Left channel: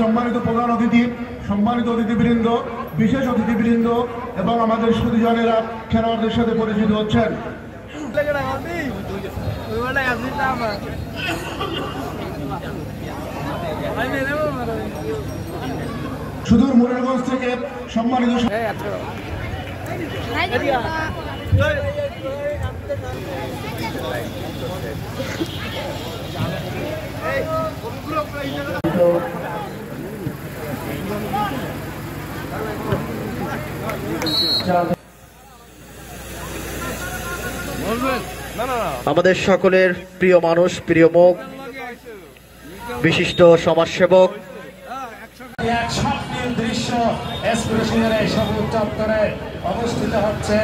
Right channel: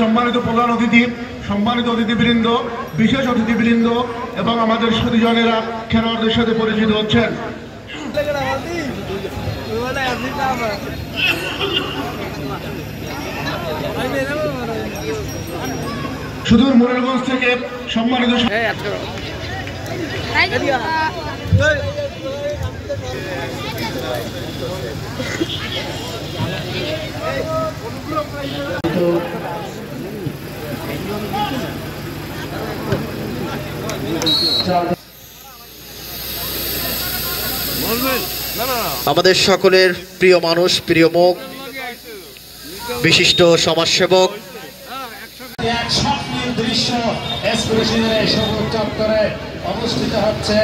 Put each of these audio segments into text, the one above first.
সম্মানিত প্রধান অতিথি, সম্মানিত অতিথিবৃন্দ, বিশেষ অতিথিবৃন্দ এবং আমাদের সুধীজনেরা খেলোয়াড়দের সাথে পরিচিত হচ্ছেন। সুদূর মুরারগঞ্জ থেকে সম্মানিত আমাদের সকলের প্রিয় মানুষ, প্রিয় মুখ, বিশিষ্ট সমাজসেবক অবস্থিত হচ্ছে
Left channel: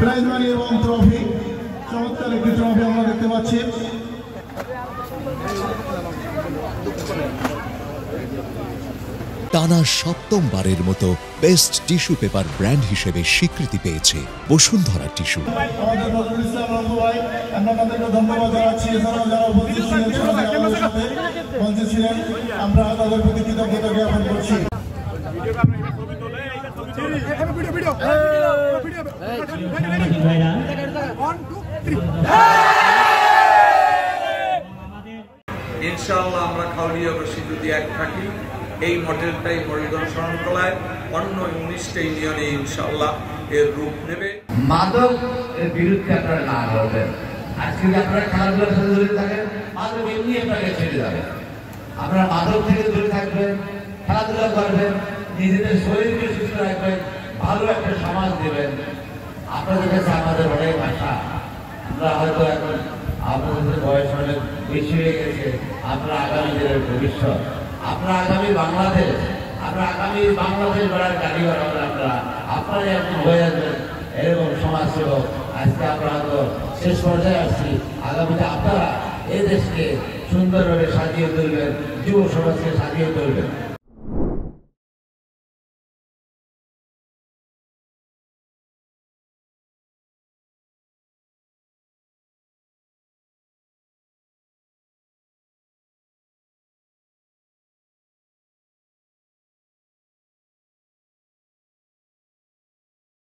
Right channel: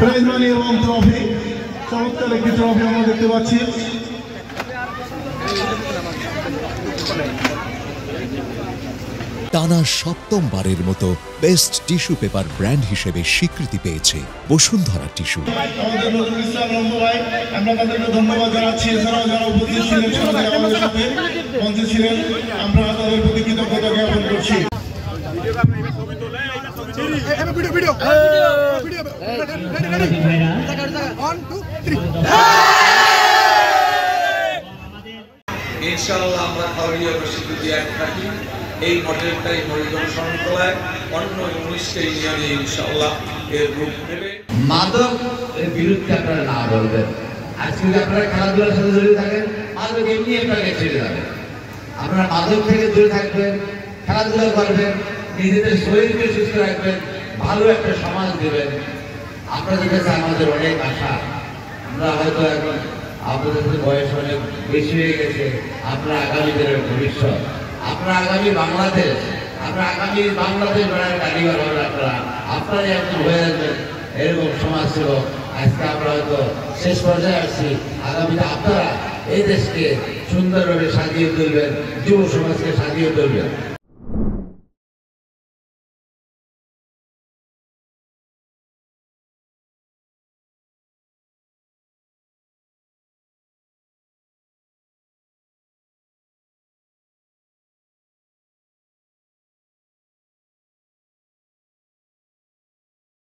প্রাইজ মানি এবং ট্রফি, চমৎকার একটি ট্রফি আমরা দেখতে পাচ্ছি। টানা সপ্তমবারের মতো বেস্ট টিস্যু পেপার ব্র্যান্ড হিসেবে স্বীকৃতি পেয়েছে বসুন্ধরা টিস্যু। আমাদের নজরুল ইসলাম রম্বু ভাই, আমরা তাদেরকে ধন্যবাদ জানাচ্ছি। এছাড়াও যারা উপস্থিত ছিলেন সবাই আমাদের সাথে মঞ্চে ছিলেন, আমরা তাদের প্রতি কৃতজ্ঞতা জ্ঞাপন করছি। ইনশাআল্লাহ আমরা খাউরিয়া বাসী যদি এক থাকি, এই মডেলটাই হরিজন শরণতলায় অন্য 19টা ইউনিয়নে ইনশাআল্লাহ এর রূপ নেবে। মাদক এর বিরুদ্ধে আপনারা না বলবেন। আজকে যদি আপনারা খেলাধুলার সাথে জড়িত থাকেন, মাদক এমনি আপনাকে ছেড়ে যাবে। আপনারা মাদক থেকে দূরে থাকবেন, খেলাধুলা করবেন, নিজেদের শরীরকে সুস্থ রাখবেন, ভালো একটা সমাজ দেবেন। আপনাদের কাছে আমাদের অনেক আশা। আমরা হয়তো এখন আপনাদের বয়স অনেক বেশি হয়ে গেছে, আপনারা আগামী দিনের ভবিষ্যৎ, আপনারা আগামী বাংলাদেশ, আপনারা আগামী বাংলাদেশ গড়ার কারিগর হবেন। আপনারাই একজন হয়ে আসবেন এরকম সমাজ ছিল। আজকে আমরা হয়তো শেষ পর্যায়ে আসছি, আগামীতে আপনারা এই দেশকে সুন্দরভাবে সাজিয়ে তুলবেন, যুব সমাজকে সাজিয়ে তুলবেন।